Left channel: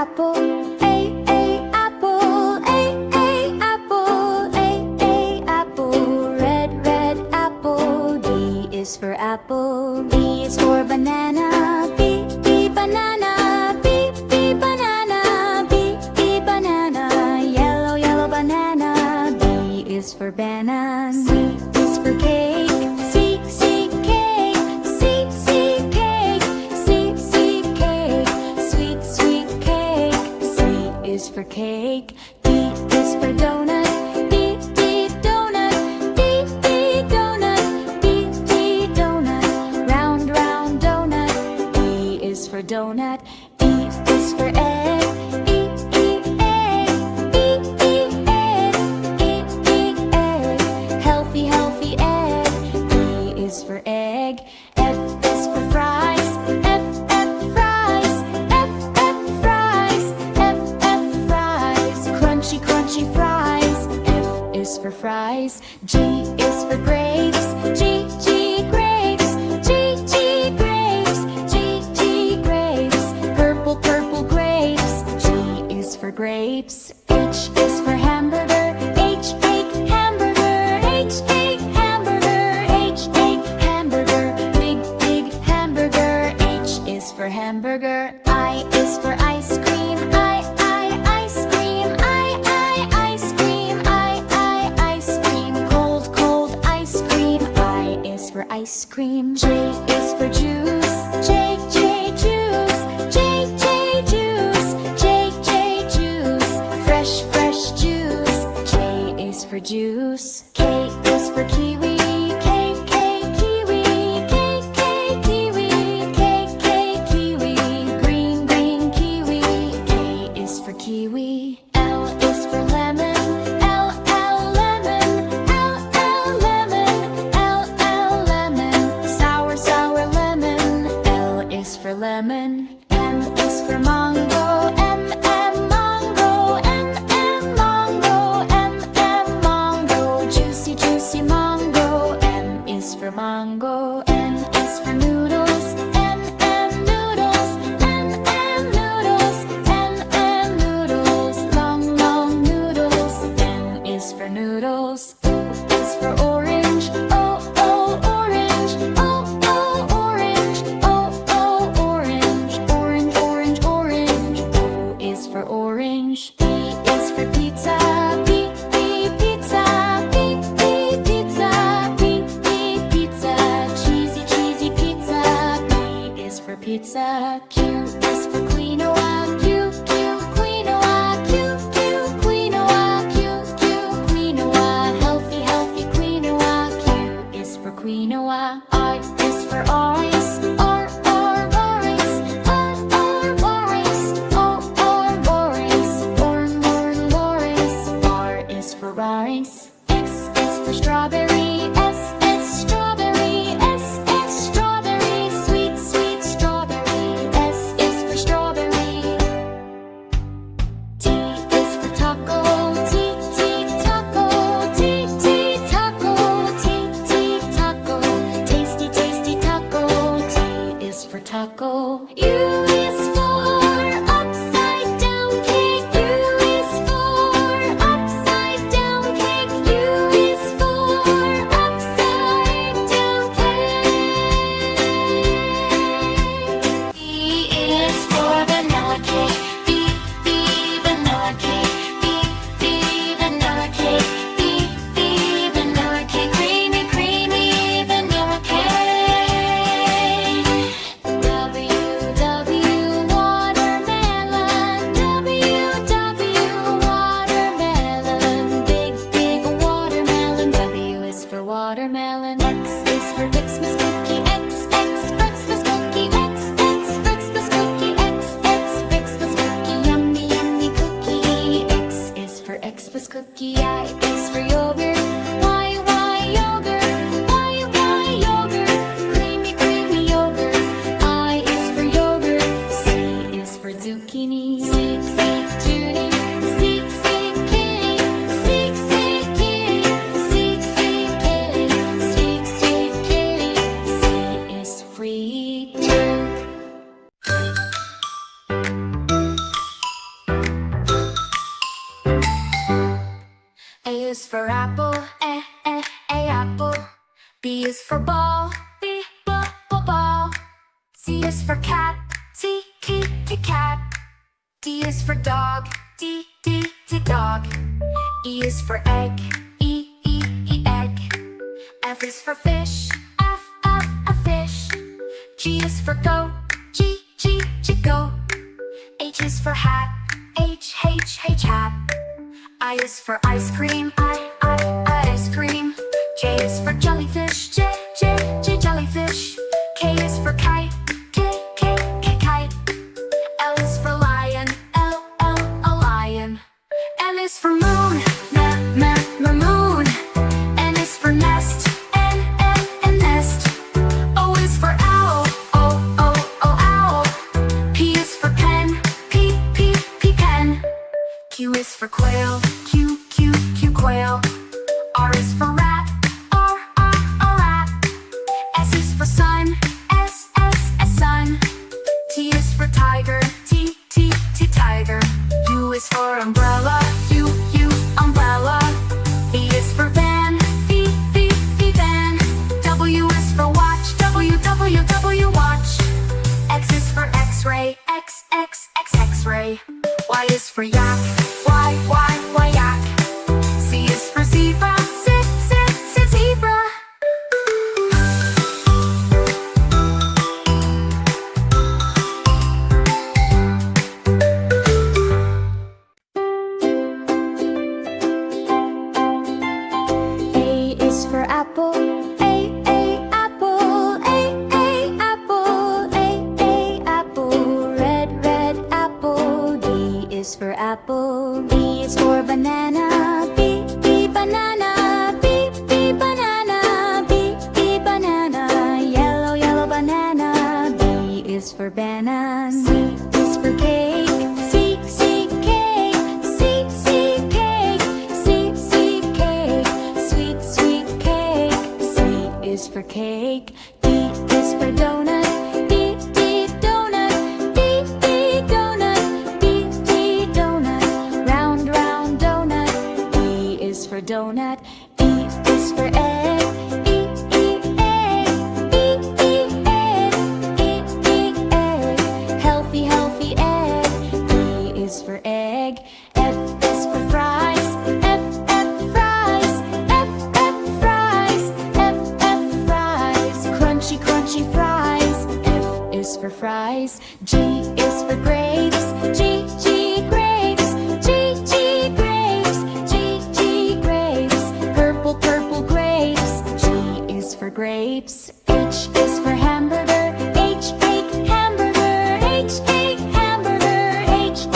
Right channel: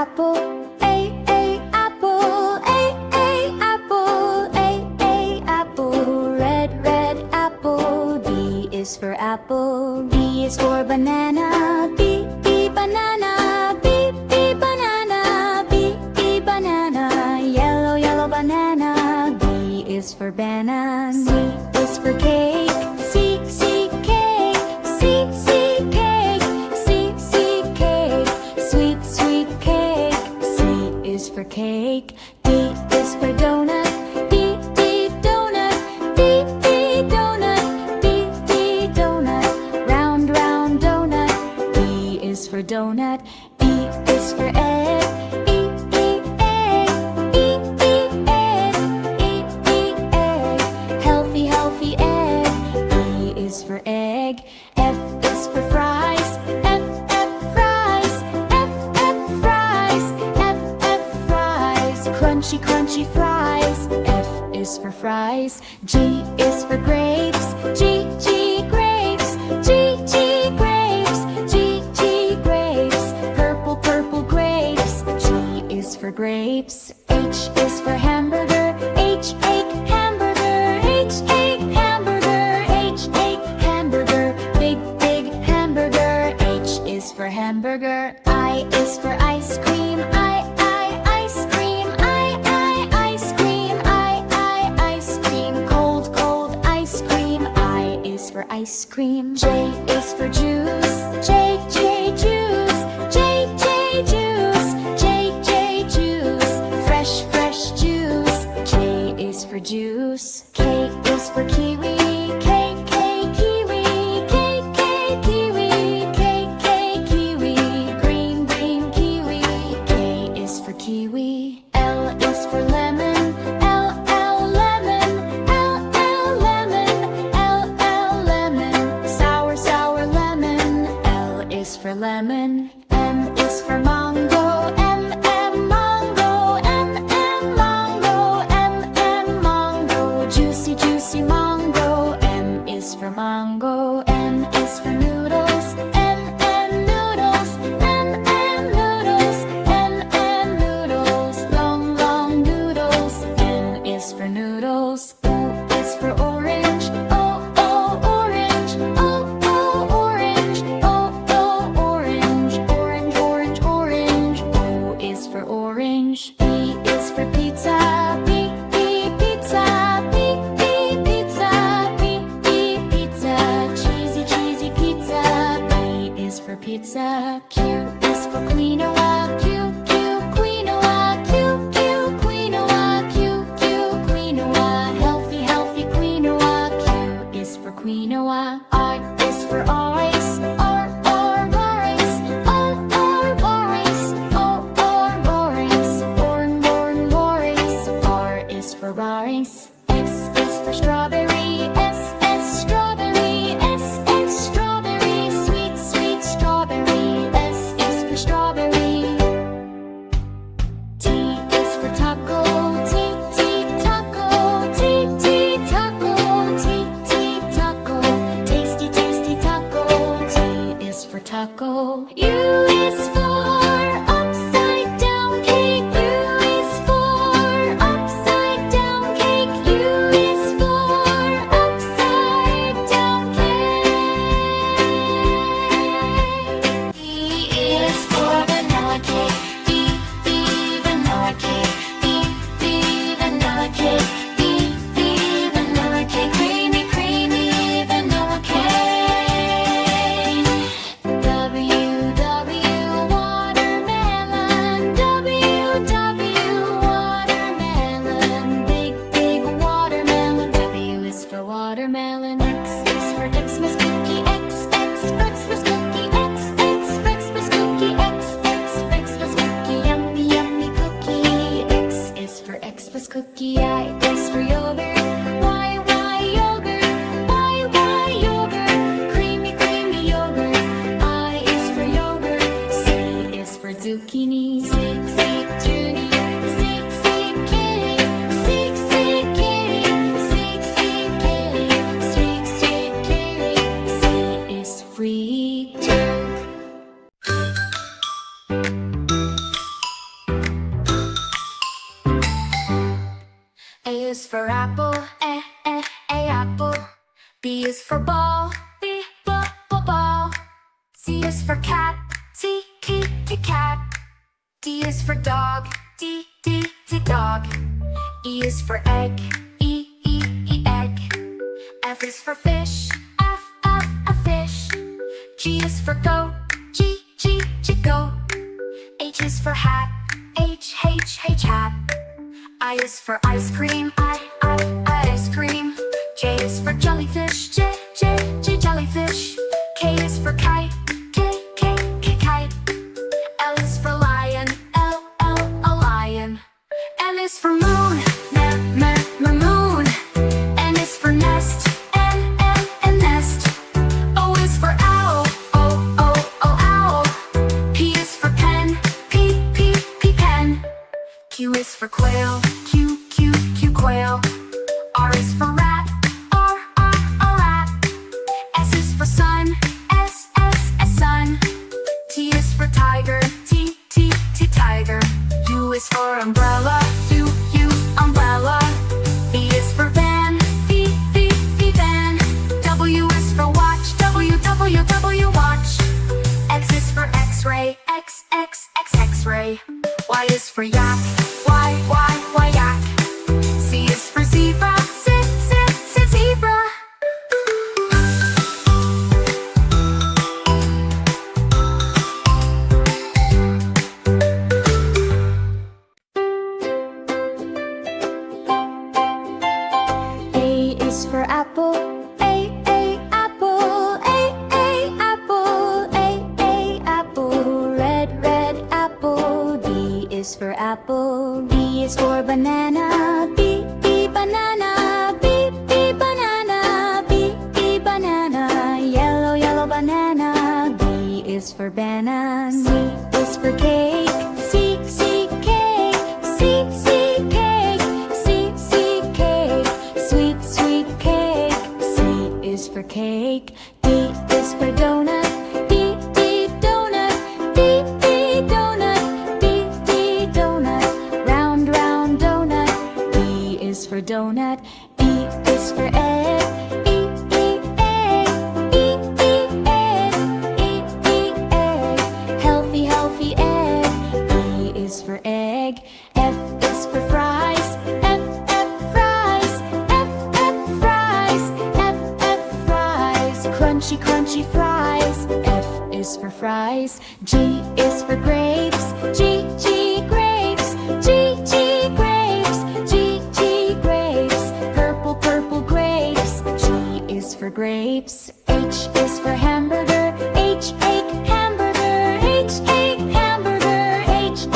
apple. A, apple. A, apple. A, apple. Red, red apple. B is for apple. B is for banana. B, banana. B, banana. B, banana. Yellow, yellow banana. B is for banana. C is for cake. C, cake. C, cake. C, cake. Sweet, sweet cake. C is for cake. D is for donut. D, donut. D, donut. D, donut. Round, round donut. D is for donut. E is for egg. E, egg. E, egg. E, egg. Healthy, healthy egg. E is for egg. F is for fries. F, fries. F, fries. F, fries. Crunchy, crunchy fries. F is for fries. G is for grapes. G, grapes. G, grapes. G, grapes. Purple, purple grapes. G is for grapes. H is for hamburger. H, hamburger. H, hamburger. H, hamburger. Big, big hamburger. H is for hamburger. I is for ice cream. I, ice cream. I, ice cream. I, ice cream. Cold, cold ice cream. I is for ice cream. J is for juice. J, juice. J, juice. J, juice. Fresh, fresh juice. J is for juice. K is for kiwi. K, kiwi. K, kiwi. K, kiwi. Green, green kiwi. K is for kiwi. L is for lemon. L, lemon. L, lemon. L, lemon. Sour, sour lemon. L is for lemon. M is for mango. M, mango. M, mango. M, mango. Juicy, juicy mango. M is for mango. N is for noodles. N, noodles. N, noodles. N, noodles. Long, long noodles. N is for noodles. O is for orange. O, orange. O, orange. O, orange. Orange, orange, orange. O is for orange. P is for pizza. P, pizza. P, pizza. P, pizza. Cheesy, cheesy pizza. P is for pizza. Q is for quinoa. Q, quinoa. Q, quinoa. Q, quinoa. Healthy, healthy quinoa. Q is for quinoa. R is for ice. R, rice. R, rice. O, rice. Rice. R is for rice. X is for strawberry. S, strawberry. S, strawberry. Sweet, sweet strawberry. S is for strawberry. T is for taco. T, taco. T, taco. T, taco. Tasty, tasty taco. T is for taco. U is for upside down cake. U is for upside down cake. U is for upside down cake. B is for vanilla cake. B, vanilla cake. B, vanilla cake. B, vanilla cake. Creamy, creamy vanilla cake. W, watermelon. W, watermelon. Big, big watermelon. W is for watermelon. X is for Xmas cookie. X, Xmas cookie. X, Xmas cookie. X, Xmas cookie. Yummy, yummy cookie. X is for Xmas cookie. I is for yogurt. Y, yogurt. Y, yogurt. Creamy, creamy yogurt. I is for yogurt. C is for zucchini. C, Junie. C, kitty. C, kitty. C, kitty. C, kitty. C is free tube. is for apple, apple. B is for ball, ball. C is for cat, cat. D is for dog, dog. E is for egg, egg. F is for fish, fish. G is for goat, goat. H is for hat, hat. I is for ice cream, ice cream. J is for jellyfish, jellyfish. K is for kite, kite. L is for lion, lion. M is for moon, moon. N is for nest, nest. O is for owl, owl. P is for pen, pen. Q is for quail, quail. R is for rat, rat. S is for sun, sun. T is for tiger, tiger. U is for umbrella, umbrella. V is for van, van. W is for watch, watch. X is for x-ray, x-ray. Y is for yak, y, yak. Z is for zebra, zebra. A is for apple, apple. A, apple, apple. Red, apple. B is for apple. B is for banana, B, banana. B, banana. B, banana. Yellow, banana. B is for banana. C is for cake, C, cake. C, cake. C, cake. Sweet cake. C is for cake. D is for donut, D, donut. D, donut. D, donut. Round, donut. E is for donut. E is for egg, E, egg. egg. Egg. Healthy egg. E is for egg. F is for fries, F, fries. F, fries. F, fries. Crunchy fries. F is for fries. G is for grapes, G, grapes. G, grapes. G, grapes. Purple grapes. G is for grapes. H is for hamburger, H, hamburger. H, hamburger. H,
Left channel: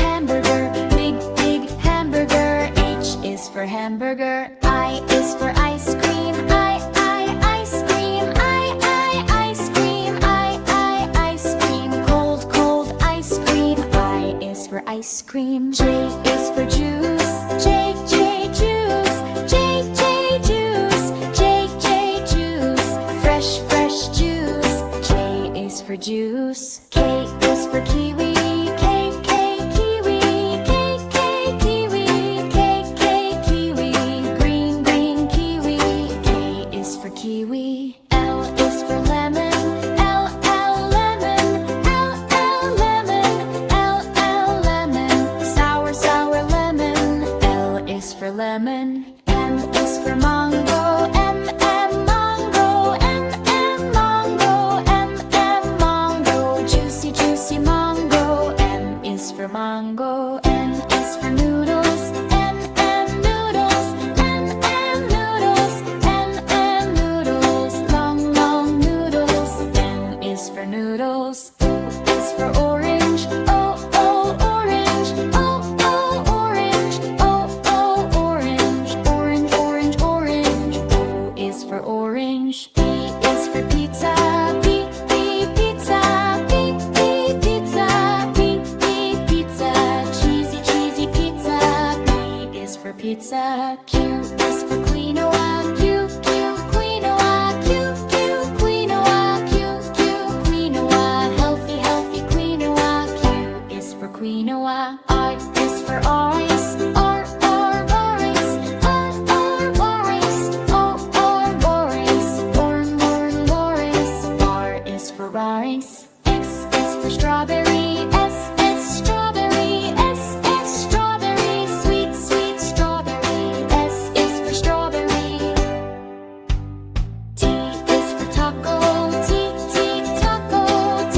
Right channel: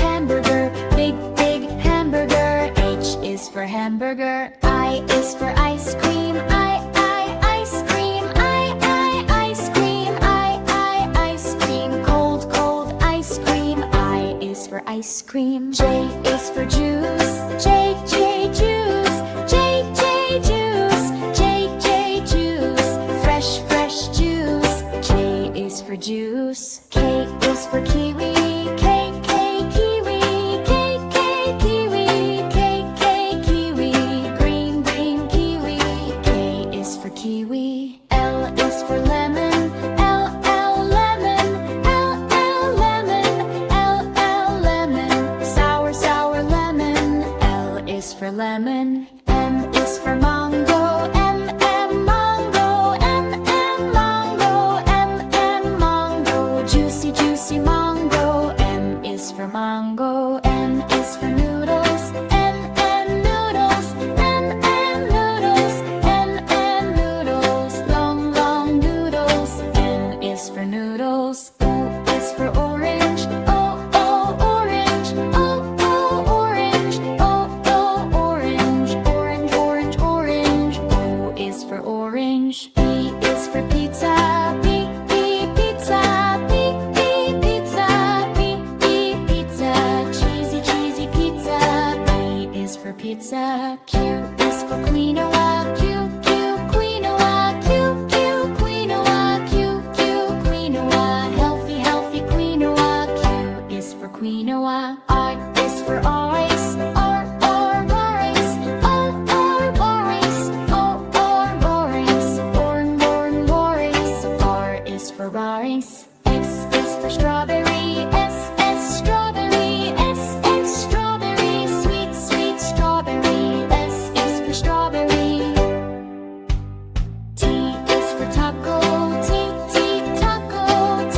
hamburger. Big hamburger. H is for hamburger. I is for ice cream, I, ice cream. I, ice cream. I, ice cream. Cold ice cream. I is for ice cream. J is for juice, J, juice. J, juice. J, juice. Fresh juice. J is for juice. K is for kiwi, K, kiwi. K, kiwi. K, kiwi. Green kiwi. K is for kiwi. L is for lemon, L, lemon. L, lemon. L, lemon. Sour lemon. L is for lemon. M is for mango, M, mango. M, mango. M, mango. Juicy mango. M is for mango. N is for noodles, N, noodles. N, noodles. N, noodles. Long noodles. N is for noodles. O is for orange, O, orange. O, orange. O, orange. Orange. O is for orange. P is for pizza, P, pizza. P, pizza. P, pizza. Cheesy pizza. P is for pizza. Q is for quinoa, Q, quinoa. Q, quinoa. Q, quinoa. Healthy quinoa. Q is for quinoa. R is for ice, R, ice. R, is for orange. X is for strawberry. S strawberry. S strawberry. Sweet, sweet strawberry. S is for strawberry. T is for taco. T taco. T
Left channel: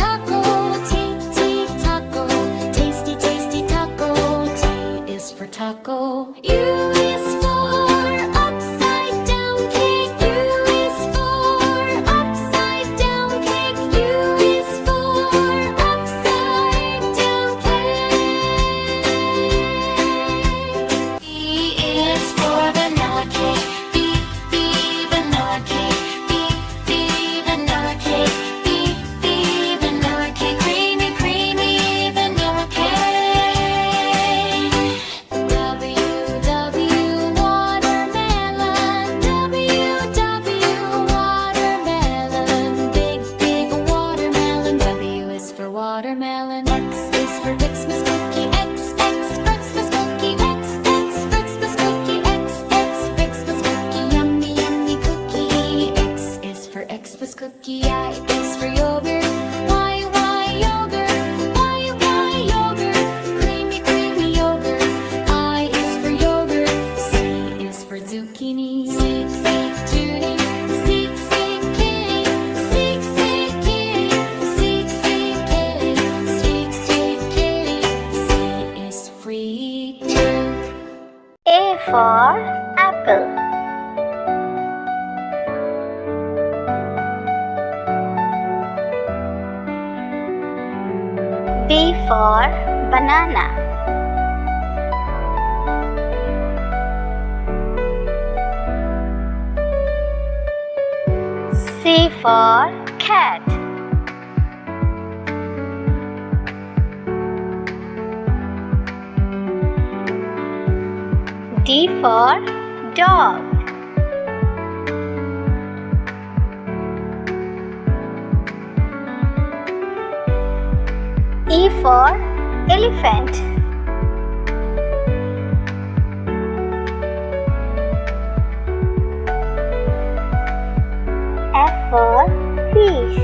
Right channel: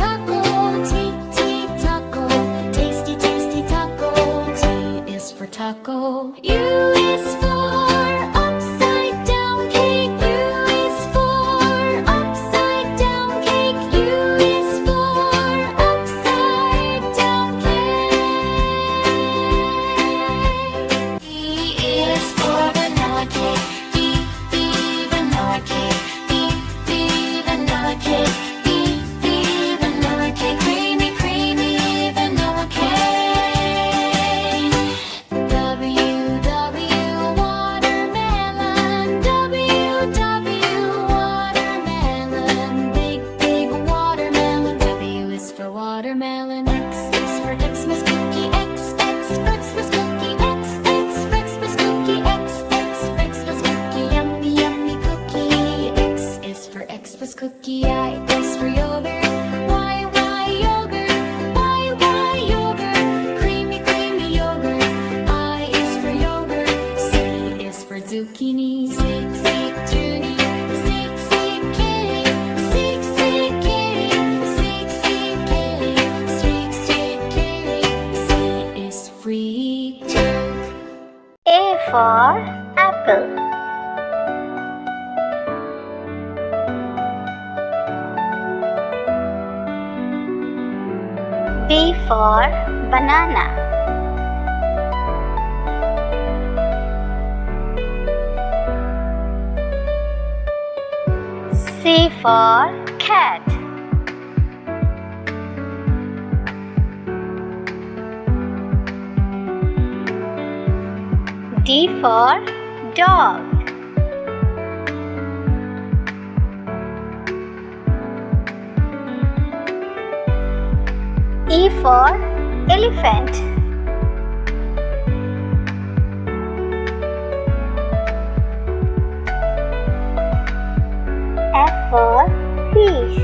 taco. T taco. Tasty, tasty taco. T is for taco. U is for upside down cake. U is for upside down cake. U is for upside down cake. B is for vanilla cake. B vanilla cake. B vanilla cake. B vanilla cake. Creamy, creamy vanilla cake. W watermelon. W watermelon. Big, big watermelon. W is for watermelon. X is for Xmas cookie. X Xmas cookie. X Xmas cookie. X Xmas cookie. Yummy, yummy cookie. X is for Xmas cookie. I is for yogurt. Y yogurt. Y yogurt. Creamy, creamy yogurt. I is for yogurt. C is for zucchini. Sick, sick Junie. Sick, sick kitty. Sick, sick kitty. Sick, sick kitty. Sick, sick kitty. C is free too. A for apple. B for banana. C for cat. D for dog. E for elephant. F for fish.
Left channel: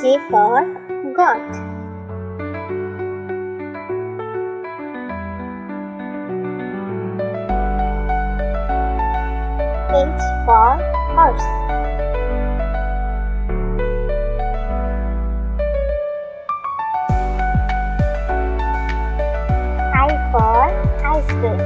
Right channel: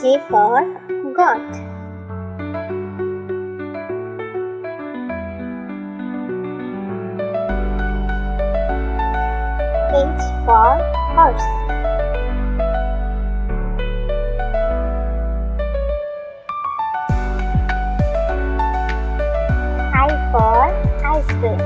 G for goat. H for horse. I for ice cream.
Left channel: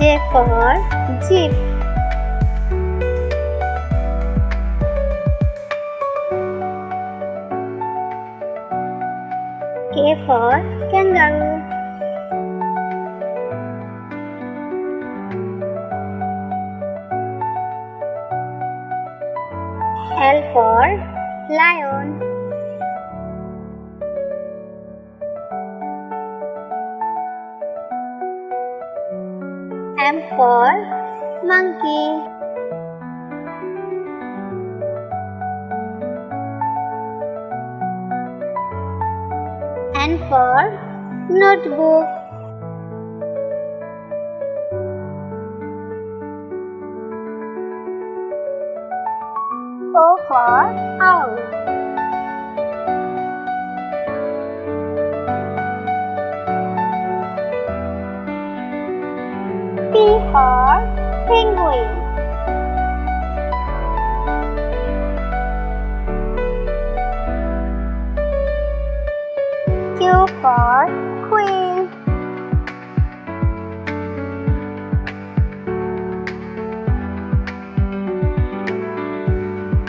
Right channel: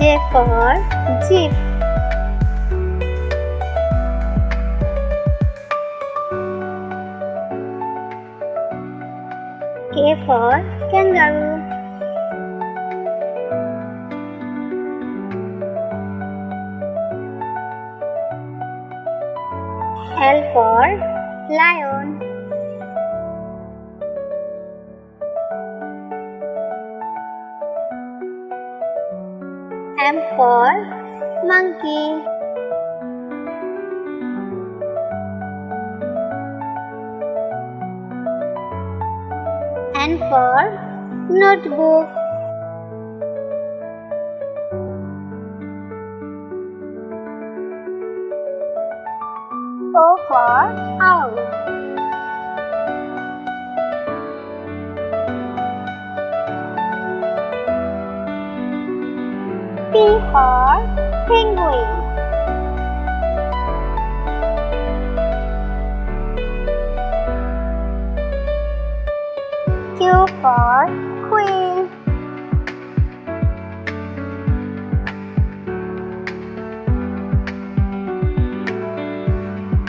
J for jeep. K for kangaroo. L for lion. M for monkey. N for notebook. O for owl. P for penguin. Q for queen.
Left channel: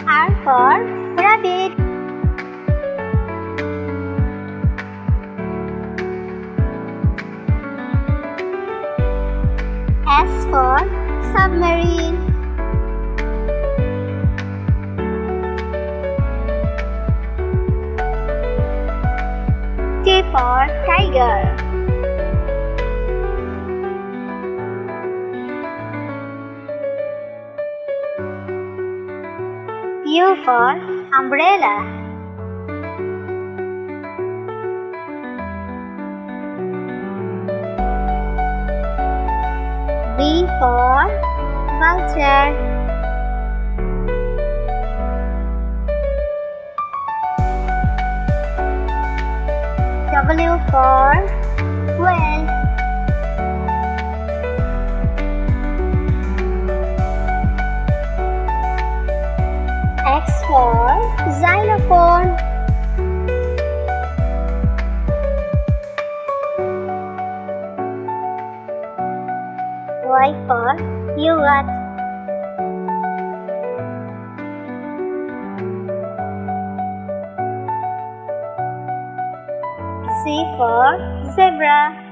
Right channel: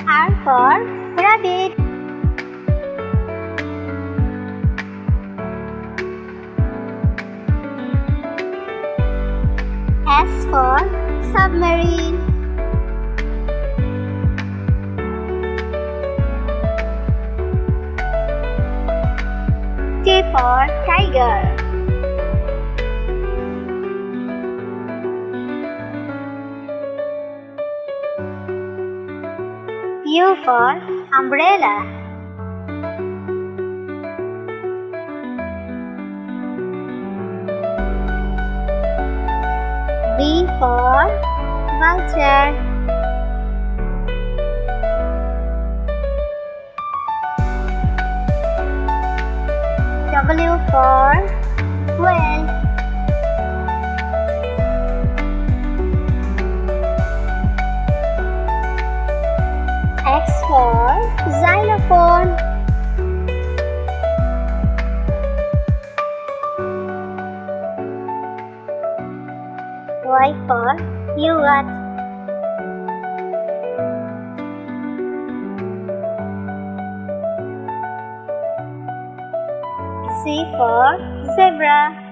R for rabbit. S for submarine. T for tiger. U for umbrella. V for vulture. W for whale. X for xylophone. Y for yogurt. Z for zebra.